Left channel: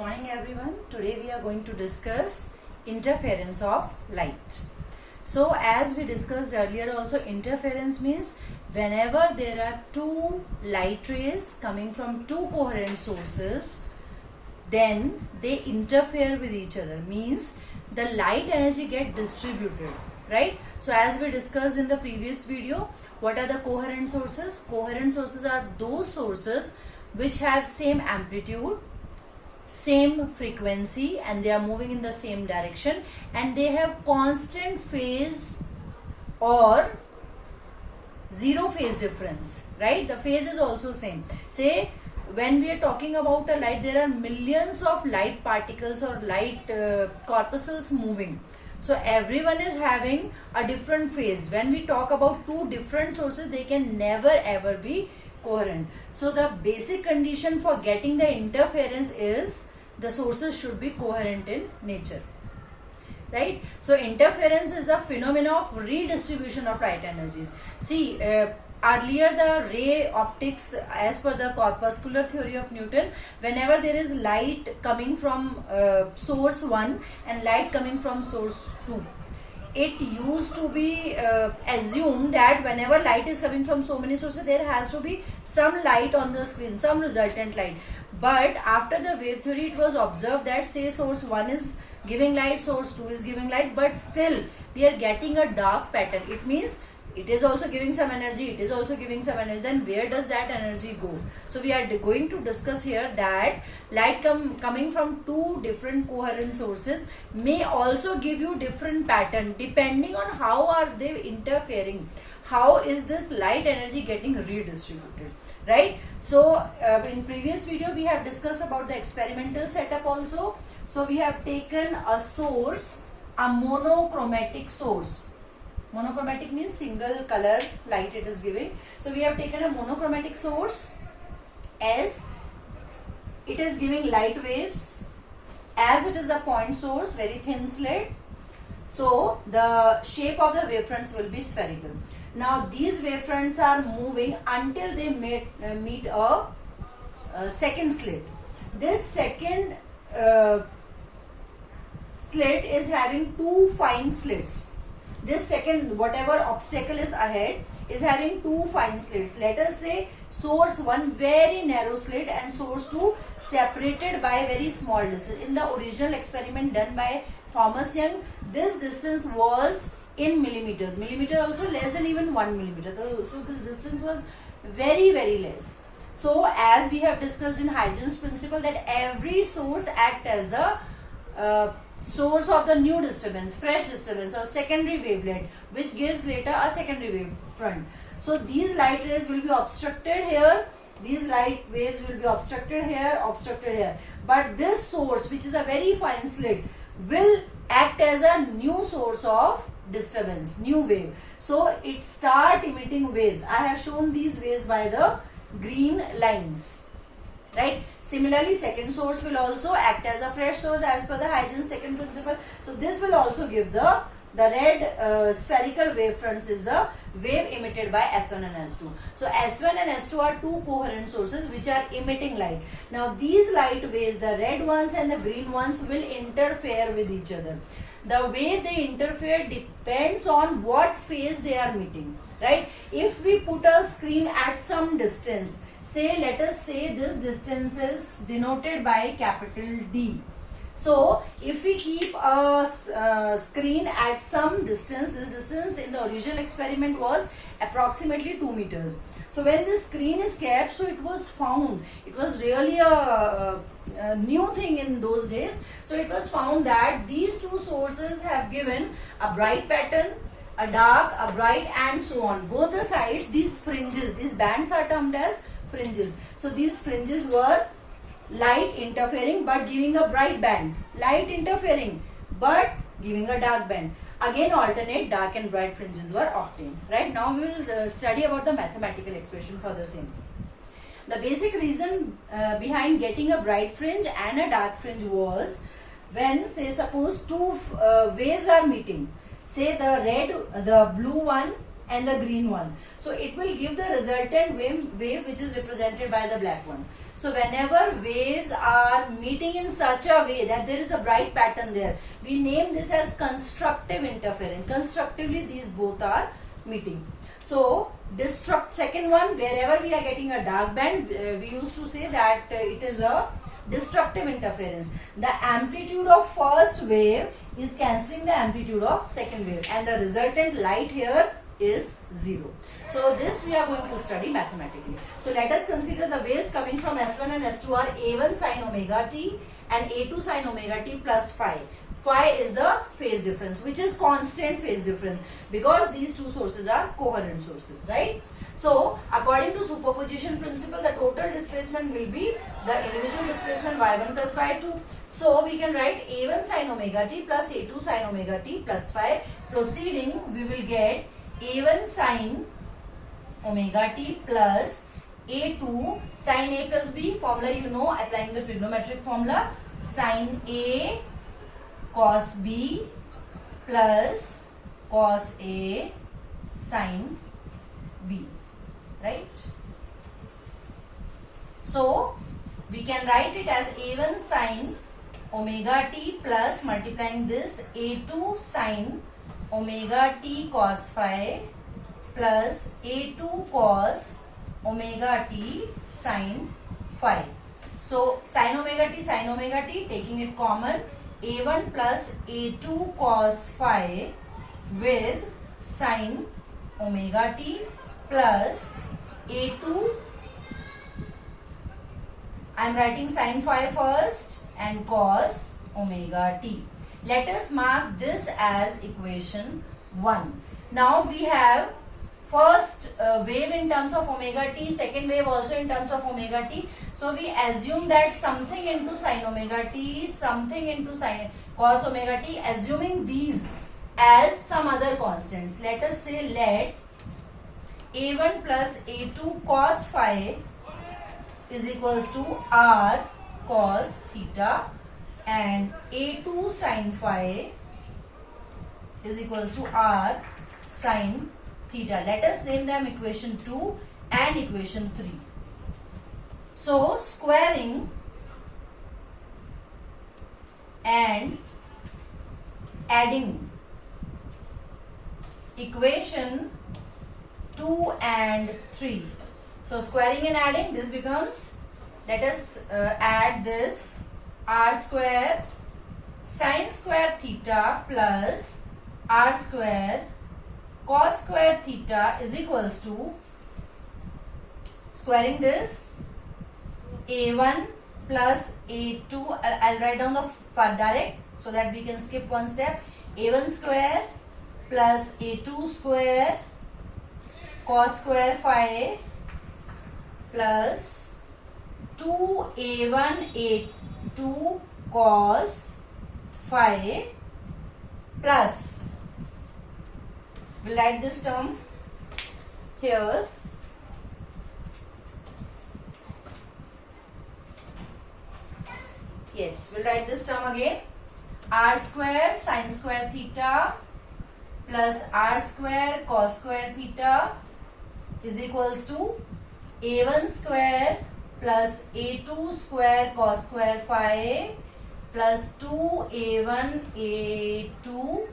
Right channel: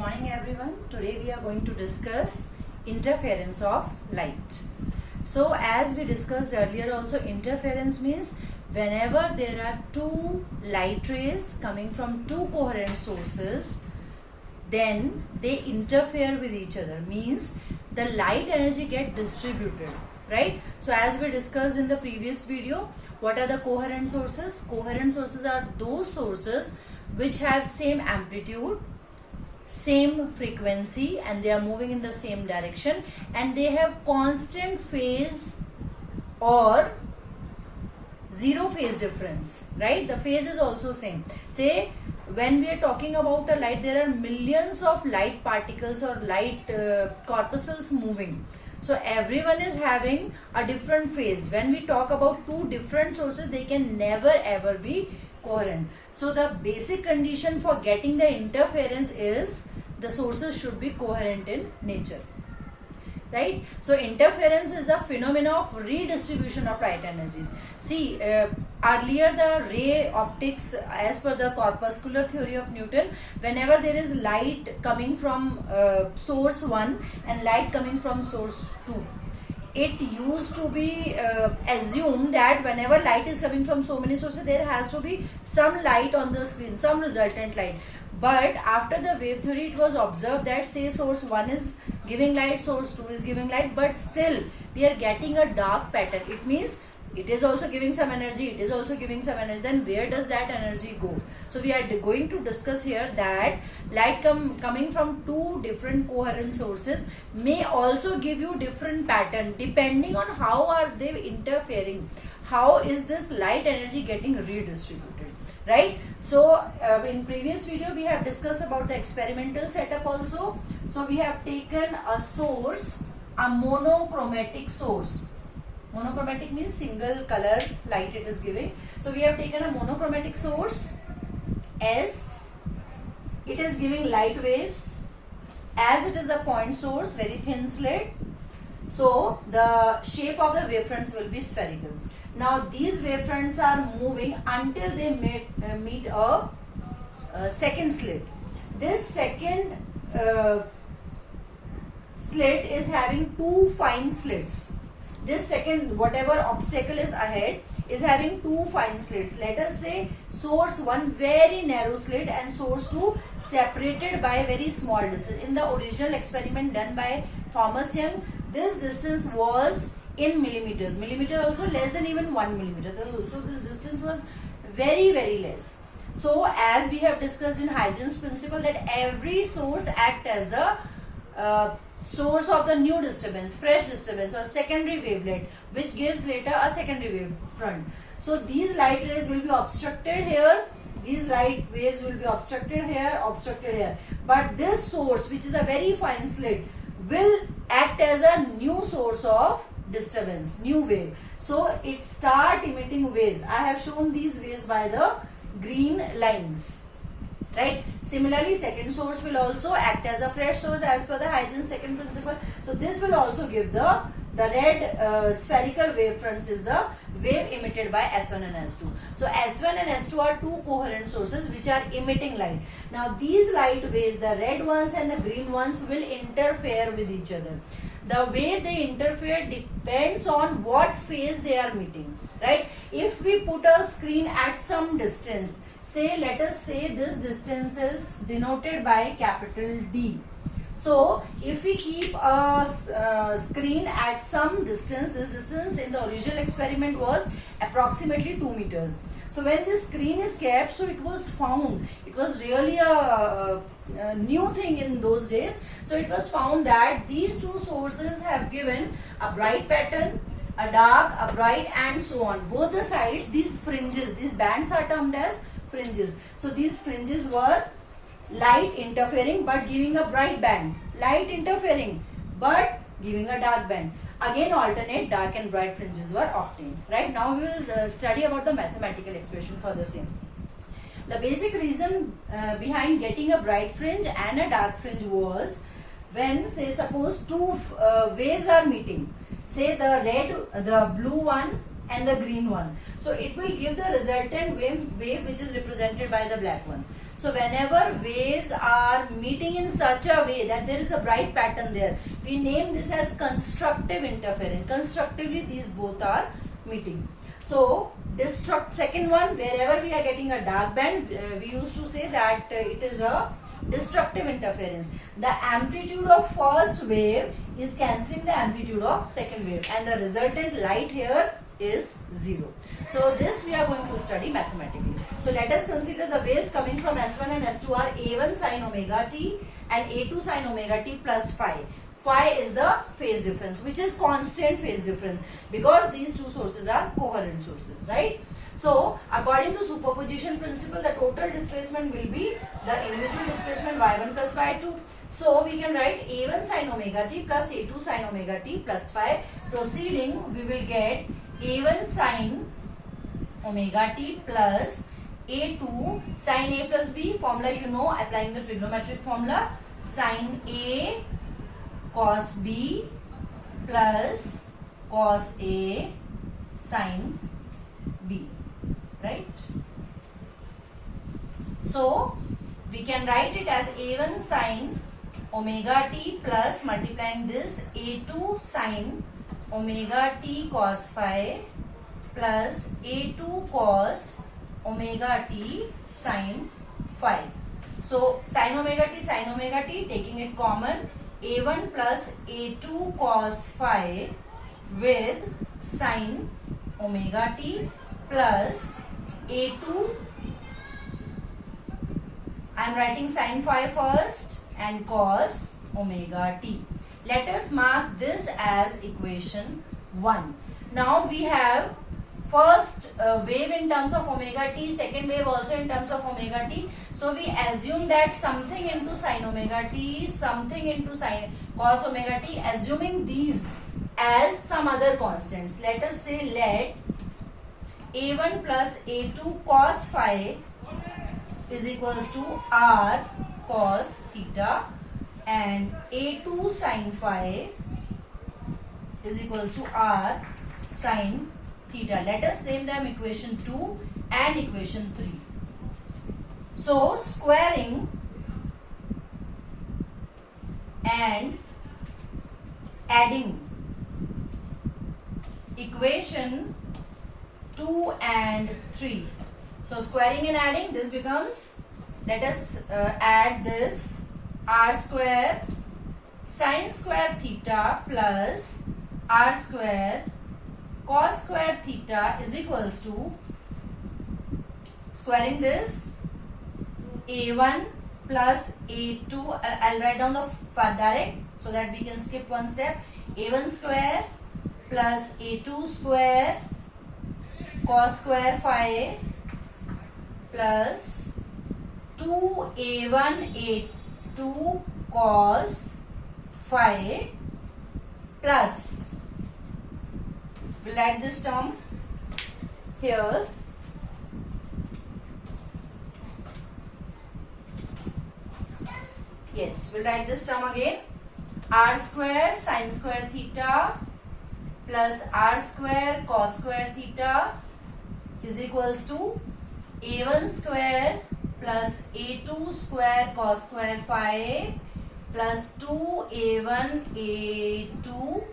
morning everyone. Today we are going to discuss interference of light. So as we discussed earlier also, interference means whenever there are two light rays coming from two coherent sources, then they interfere with each other, means the light energy get distributed, right? So as we discussed in the previous video, what are the coherent sources? Coherent sources are those sources which have same amplitude, same frequency, and they are moving in the same direction, and they have constant phase or zero phase difference, right? The phase is also same. Say when we are talking about a light, there are millions of light particles or light corpuscles moving. So everyone is having a different phase. When we talk about two different sources, they can never ever be coherent. So the basic condition for getting the interference is the sources should be coherent in nature, right? So interference is the phenomena of redistribution of light energies. See, earlier the ray optics, as per the corpuscular theory of Newton, whenever there is light coming from source 1 and light coming from source 2, it used to be assumed that whenever light is coming from so many sources, there has to be some light on the screen, some resultant light. But after the wave theory, it was observed that say source 1 is giving light, source 2 is giving light, but still we are getting a dark pattern. It means it is also giving some energy, it is also giving some energy. Then where does that energy go? So we are going to discuss here that light coming from two different coherent sources may also give you different pattern depending on how are they interfering, how is this light energy getting redistributed, right? So in previous video we have discussed about the experimental setup also. So we have taken a source, a monochromatic source. Monochromatic means single color light it is giving. So we have taken a monochromatic source as it is giving light waves, as it is a point source, very thin slit. So the shape of the wavefronts will be spherical. Now these wavefronts are moving until they meet a second slit. This second slit is having two fine slits. This second, whatever obstacle is ahead, is having two fine slits. Let us say source 1 very narrow slit and source 2 separated by very small distance. In the original experiment done by Thomas Young, this distance was in millimeters. Millimeter also less than even 1 millimeter. So this distance was very less. So as we have discussed in Huygens principle, that every source act as a source of the new disturbance, fresh disturbance or secondary wavelet, which gives later a secondary wave front. So these light rays will be obstructed here, these light waves will be obstructed here, but this source, which is a very fine slit, will act as a new source of disturbance, new wave. So it start emitting waves. I have shown these waves by the green lines, right? Similarly, second source will also act as a fresh source as per the Huygens second principle. So this will also give the red spherical wave fronts is the wave emitted by S1 and S2. So S1 and S2 are two coherent sources which are emitting light. Now these light waves, the red ones and the green ones, will interfere with each other. The way they interfere depends on what phase they are meeting, right? If we put a screen at some distance, say let us say this distance is denoted by capital D. So if we keep a screen at some distance, this distance in the original experiment was approximately 2 meters. So when this screen is kept, so it was found, it was really a new thing in those days. So it was found that these two sources have given a bright pattern, a dark, a bright, and so on. Both the sides, these fringes, these bands are termed as fringes. So these fringes were light interfering but giving a bright band, light interfering but giving a dark band. Again alternate dark and bright fringes were obtained, right? Now we will study about the mathematical expression for the same. The basic reason behind getting a bright fringe and a dark fringe was when, say suppose two waves are meeting, say the blue one and the green one. So it will give the resultant wave which is represented by the black one. So whenever waves are meeting in such a way that there is a bright pattern there, we name this as constructive interference. Constructively these both are meeting. So second one, wherever we are getting a dark band, we used to say that it is a destructive interference. The amplitude of first wave is cancelling the amplitude of second wave, and the resultant light here is 0. So this we are going to study mathematically. So let us consider the waves coming from S1 and S2 are A1 sin omega t and A2 sin omega t plus phi. Phi is the phase difference, which is constant phase difference, because these two sources are coherent sources, right? So according to superposition principle, the total displacement will be the individual displacement y1 plus y2. So we can write A1 sin omega t plus A2 sin omega t plus phi. Proceeding, we will get A1 sin omega t plus A2 sin A plus B. Formula you know, applying the trigonometric formula, sin A cos B plus cos A sin B, right? So we can write it as A1 sin omega t plus multiplying this A2 sin omega t cos phi plus A2 cos omega t sin phi. So sin omega t, taking it common, A1 plus A2 cos phi with sin omega t plus A2, I am writing sin phi first, and cos omega t. Let us mark this as equation 1. Now we have first wave in terms of omega t, second wave also in terms of omega t. So we assume that something into sin omega t, something into sin cos omega t, assuming these as some other constants. Let us say let A1 plus A2 cos phi is equals to r cos theta, and A2 sin phi is equals to r sin theta. Let us name them equation 2 and equation 3. So squaring and adding equation 2 and 3. So squaring and adding, this becomes, let us add this, r square sin square theta plus r square cos square theta is equals to, squaring this, A1 plus A2, I'll write down the direct so that we can skip one step, A1 square plus A2 square cos square phi plus 2A1 A2 cos phi plus, we'll write this term here, yes, we'll write this term again, r square sin square theta plus r square cos square theta is equals to A1 square plus A2 square cos square phi plus 2A1 A2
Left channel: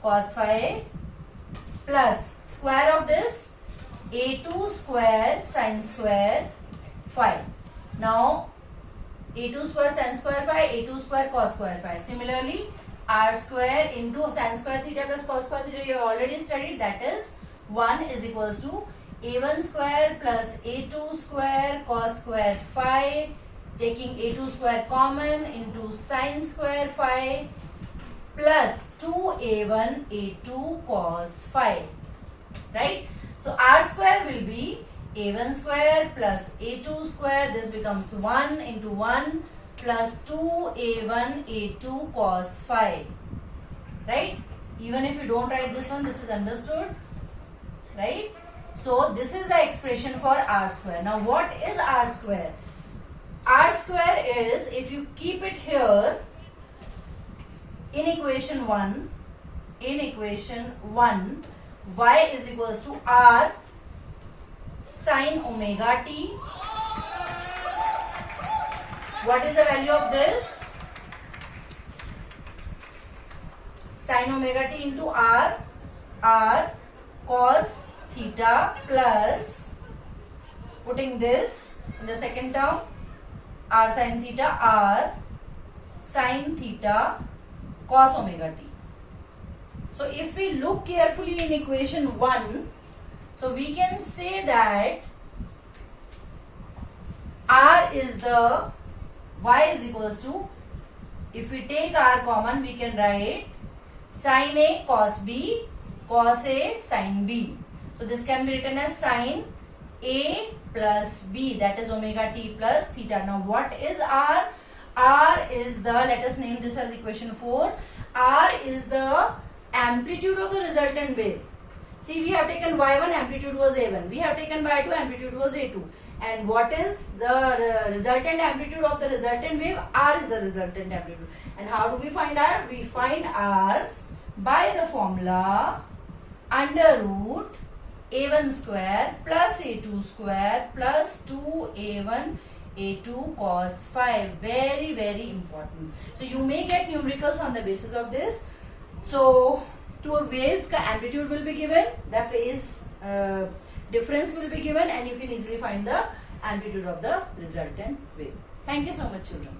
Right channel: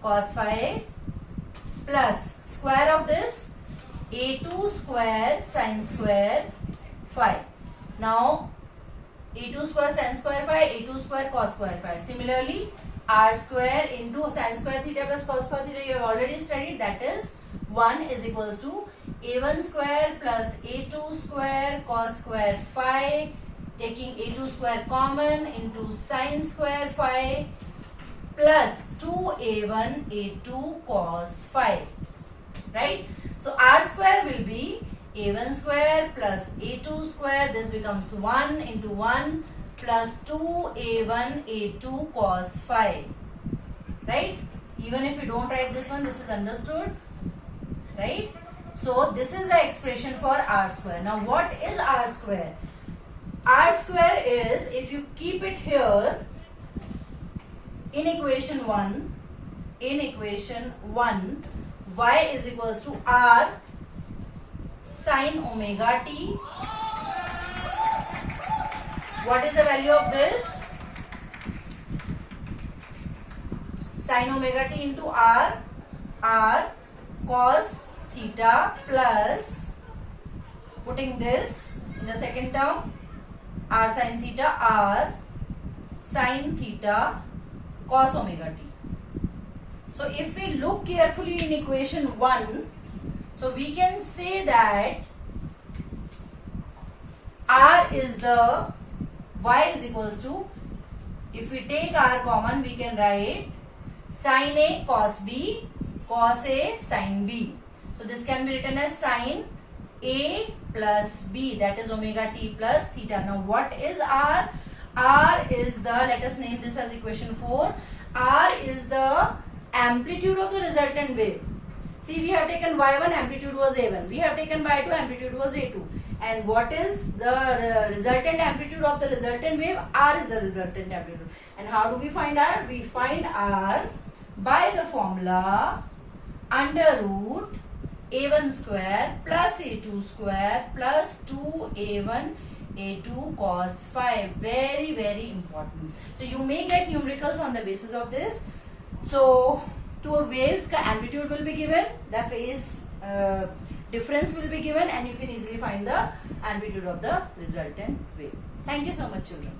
cos phi plus square of this A2 square sin square phi. Now A2 square sin square phi, A2 square cos square phi. Similarly, r square into sin square theta plus cos square theta you have already studied, that is 1 is equals to A1 square plus A2 square cos square phi, taking A2 square common, into sin square phi plus 2A1 A2 cos phi, right? So r square will be A1 square plus A2 square, this becomes 1 into 1 plus 2A1 A2 cos phi, right? Even if you don't write this one, this is understood, right? So this is the expression for r square. Now what is r square? R square is, if you keep it here in equation 1, y is equals to r sin omega t What is the value of this? Sin omega t into r cos theta plus, putting this in the second term, r sin theta, r sin theta cos omega t. So if we look carefully in equation 1, so we can say that r is the, y is equals to, if we take r common, we can write sin A cos B cos A sin B. So this can be written as sin A plus B, that is omega t plus theta. Now what is r? R is the, let us name this as equation 4. R is the amplitude of the resultant wave. See, we have taken y1, amplitude was a1. We have taken y2, amplitude was a2. And what is the resultant amplitude of the resultant wave? R is the resultant amplitude. And how do we find R? We find R by the formula under root a1 square plus a2 square plus 2a1 a2 cos 5. Very, very important. So you may get numericals on the basis of this. So two waves ka amplitude will be given, the phase difference will be given, and you can easily find the amplitude of the resultant wave. Thank you so much, children.